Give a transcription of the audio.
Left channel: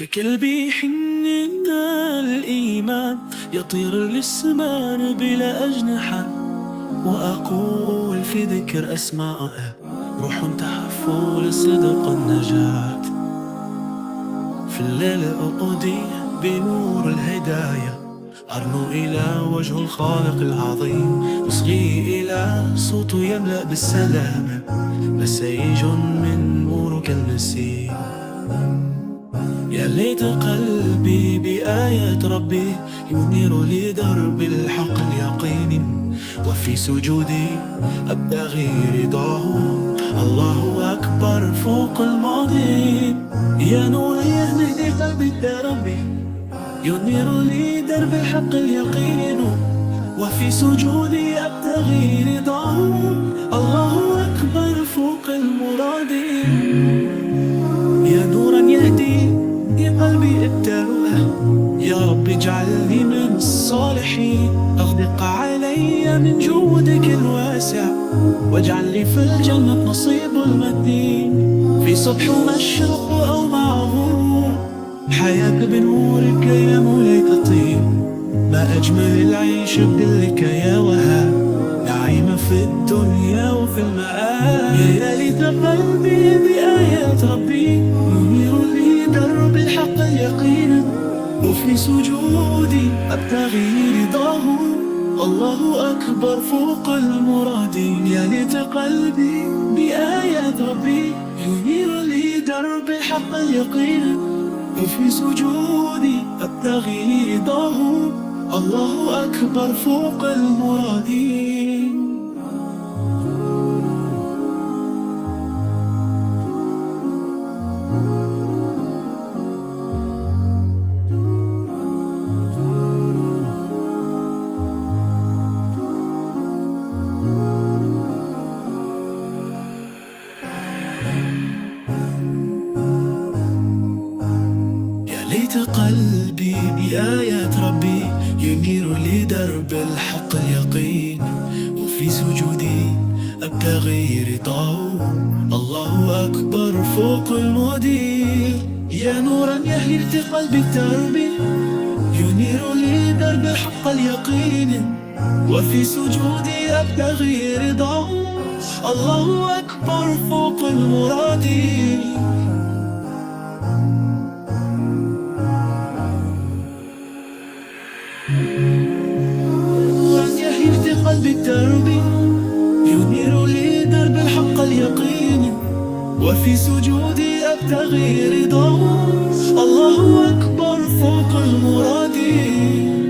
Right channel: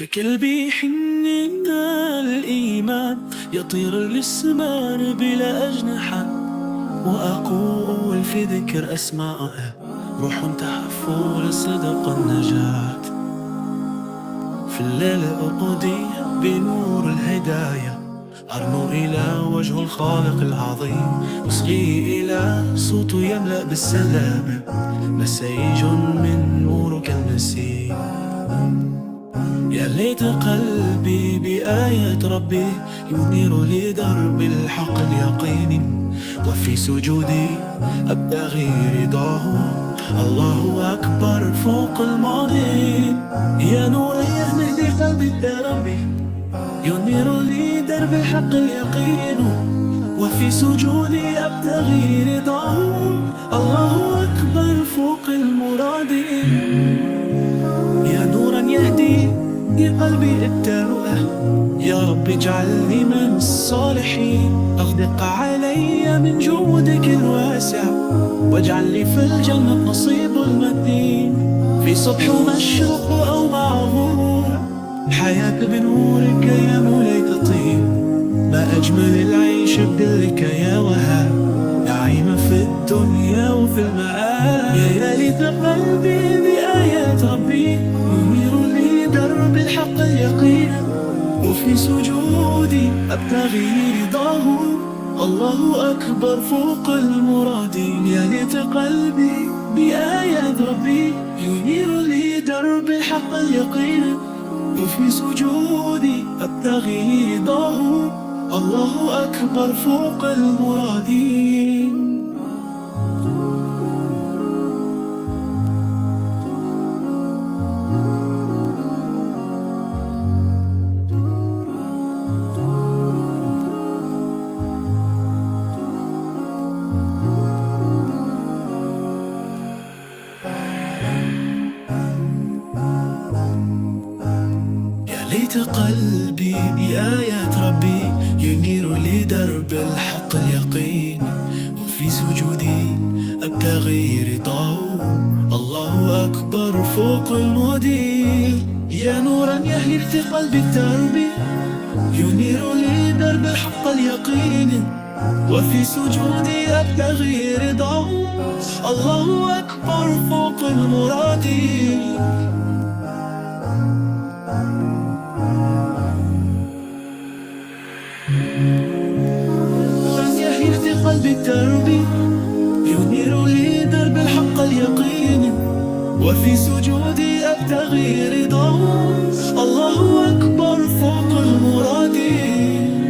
في قلبي حنين الإيمان يطير للسمان بلا أجنحة، وأقول في ذكر أسمائه روح تهفو لصدق النجاة. في الليل أقضي بنور الهداية، أرنو إلى وجه الخالق العظيم، أصغي إلى صوت يملأ بالسلام، مسيج من نورك المسيح. يا ليت قلبي بآية ربي ينير لي درب الحق اليقين، وفي سجودي أبتغي رضاه، الله أكبر فوق الماضي. يا نور يهدي قلبي يا ربي ينير لي درب الحق اليقين، وفي سجودي أبتغي رضاه، الله أكبر فوق المرادين. يا نورا يهدي قلبي الترؤة، يا رب اجعلني من الصالحين، أغدق علي من جودك الواسع، واجعل لي في الجنة نصيب المتين. في صبح ومشرق أو مع غروب، حياة بنورك يا مولاي تطيب، ما أجمل العيش بدلك يا وهاب، نعيم في الدنيا وفي المآب. يا ليت قلبي بآيات ربي ينير لي درب الحق اليقين، وفي سجودي أبتغي رضاه، الله أكبر فوق المرادين. يا ليت قلبي بآيات ربي ينير لي درب الحق اليقين، وفي سجودي أبتغي رضاه، الله أكبر فوق المرادين. ليت قلبي بآيات ربي ينير لي درب الحق اليقين، وفي سجودي أبتغي رضاه، الله أكبر فوق المدين. يا نورا يهدي قلبي التربي ينير لي درب الحق اليقين، وفي سجودي أبتغي رضاه، الله أكبر فوق المرادين. يهدي قلبي التربي ينير لي درب الحق اليقين، وفي سجودي أبتغي رضاه، الله أكبر فوق المرادين.